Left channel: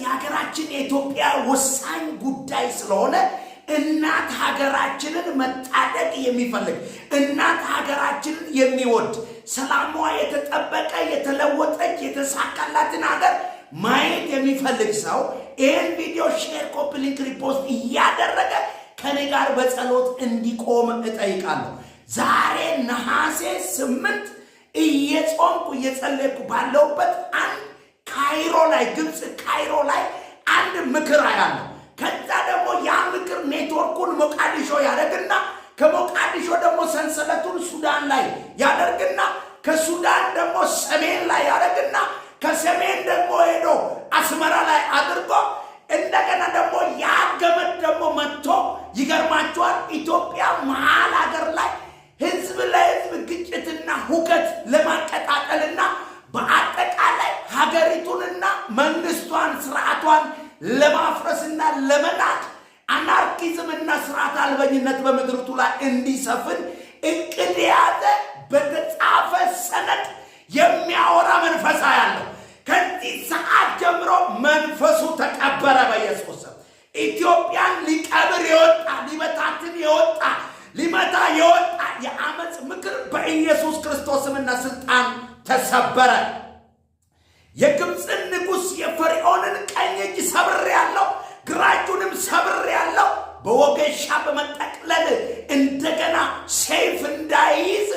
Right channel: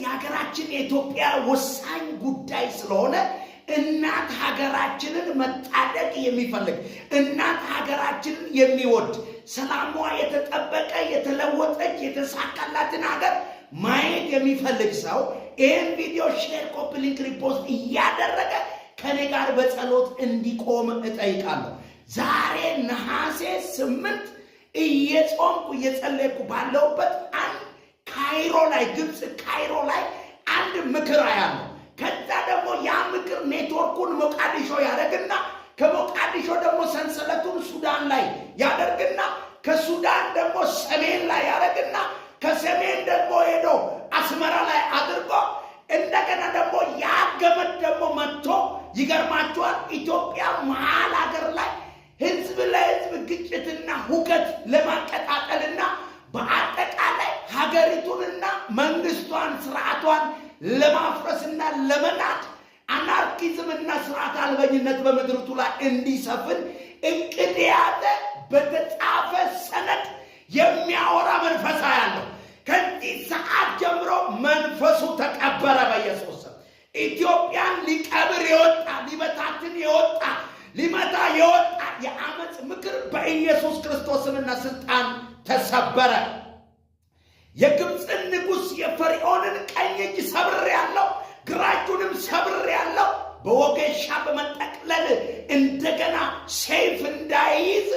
የሀገራችን የኢትዮጵያ ወሳኝ ጉዳይ ስለሆነ እናት ሀገራችንን መታደግ የሚፈልግ እናት ሀገራችንን የሚወድ ሰላሟ የተጠበቀ የተለወጠች የተሳካላትን ሀገር ማየት የሚፈልግ ሰው ይህን ቪዲዮ ሼር፣ ኮፒ ሊንክ፣ ሪፖስት እያደረገ ከኔ ጋር በጸሎት እንዲቆም እጠይቃለሁ። ዛሬ ነሐሴ 8 እየጾምኩ እየጸለይኩ ባለሁበት አንድ ካይሮ ላይ ግብፅ ካይሮ ላይ አንድ ምክር አያለሁ። ከዛ ደግሞ ያ ምክር ኔትወርኩን ሞቃዲሾ ያደርግና ከሞቃዲሾ ደግሞ ሰንሰለቱን ሱዳን ላይ ያደርግና ከሱዳን ደግሞ ሰሜን ላይ ያደርግና ከሰሜን ደግሞ ሄዶ አስመራ ላይ አድርጎ እንደገና ደግሞ ያ ገመድ ደግሞ መጥቶ ይገርማቸዋል ኢትዮጵያ መሃል ሀገር ላይ ህዝብ ለህዝብ ግጭትና ሁከት ለማቀጣጠልና በአጠቃላይ ሀገሪቱንና መንግስቷን ስርዓቷን ለማፍረስና ለመናድ አናርኪዝምና ስርዓት አልበኝነት በምድርቱ ላይ እንዲሰፍን እቅድ የያዘ በተጻፈ ሰነድ የሚያወራ መንፈሳ ያለው ከዚህ ሰዓት ጀምሮ መንፈሱ ተቀበረ በኢየሱስ ስም። ኢትዮጵያን ሊቀብር የወጣ ሊበታትን የወጣ ሊመታ የወጣ የአመፅ ምክር በኢየሱስ ክርስቶስና ስልጣን ተሰበረ። የግብፅን ንጉሥ የፈርዖንን ቀኝ እጅ ሰብር ያለው ግራጁንም ሰብር ያለው በወገሻ በመጠቅለል እንደገና ሰይፍ እንዳይይዝ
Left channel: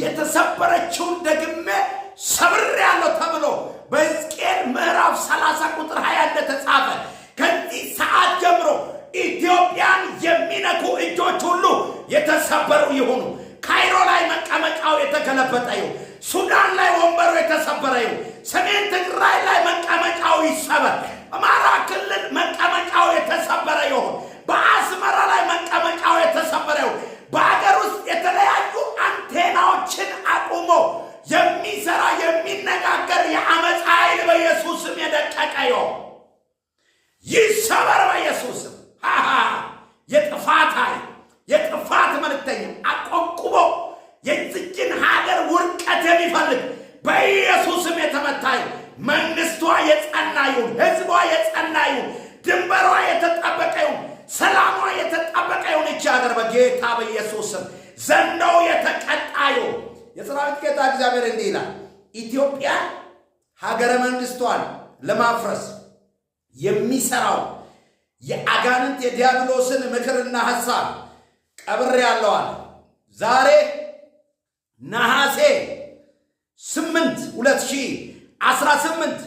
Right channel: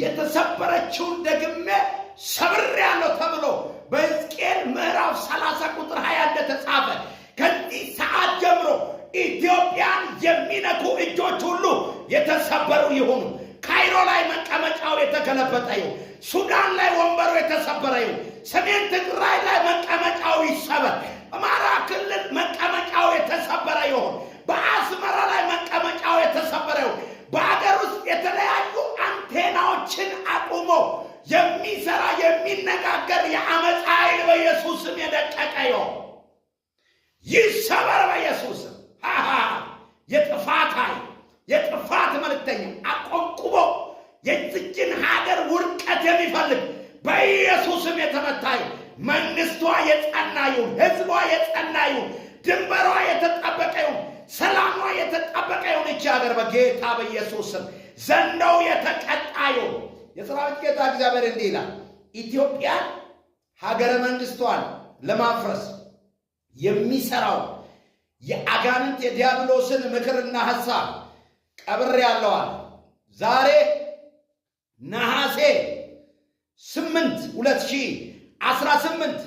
የተሰበረችውን ደግሜ ሰብር ያለው ተብሎ በሕዝቅኤል ምዕራፍ 30 ቁጥር 20 እንደተጻፈ ከዚህ ሰዓት ጀምሮ ኢትዮጵያን የሚነኩ እጆች ሁሉ የተሰበሩ ይሁኑ። ካይሮ ላይ መቀመጫው የተገለበጠ ይሁን። ሱዳን ላይ ወንበሩ የተሰበረ ይሁን። ሰሜን ትግራይ ላይ መቀመጫው ይሰበር። አማራ ክልል መቀመጫው የተሰበረ ይሁን። በአስመራ ላይ መቀመጫው የተሰበረ ይሁን። በአገር ውስጥ የተለያዩ አንቴናዎችን አቁሞ የሚሰራ የሚነጋገር የአመፅ ኃይል በኢየሱስም የደቀቀ ይሁን። ይሰበር በኢየሱስም። የጥፋት ኃይል የጥፋት መልእክተኛ አቆንቁቦ የዚችን ሀገር ውድቀት የሚፈልግ በኢየሱስም የተመታ ይሁን። መንግስቷ የጸና ይሁን። ህዝቧ የጸና ይሁን። ድንበሯ የተጠበቀ ይሁን። ሰላሟ የተጠበቀ ይሁን። ይህች ሀገር በጌታ በኢየሱስም ዘንዶው የተቀጣ ይሁን። የሰራዊት ጌታ እግዚአብሔር እንዲህ ይላል፣ ኢትዮጵያን ሀገረ መንግስቷን ለማፍረስ የሚሰራው የአጋንንት የዲያብሎስን ምክርና ሐሳብ ቀብር ያለዋል። ዛሬ ነሐሴ 8 2018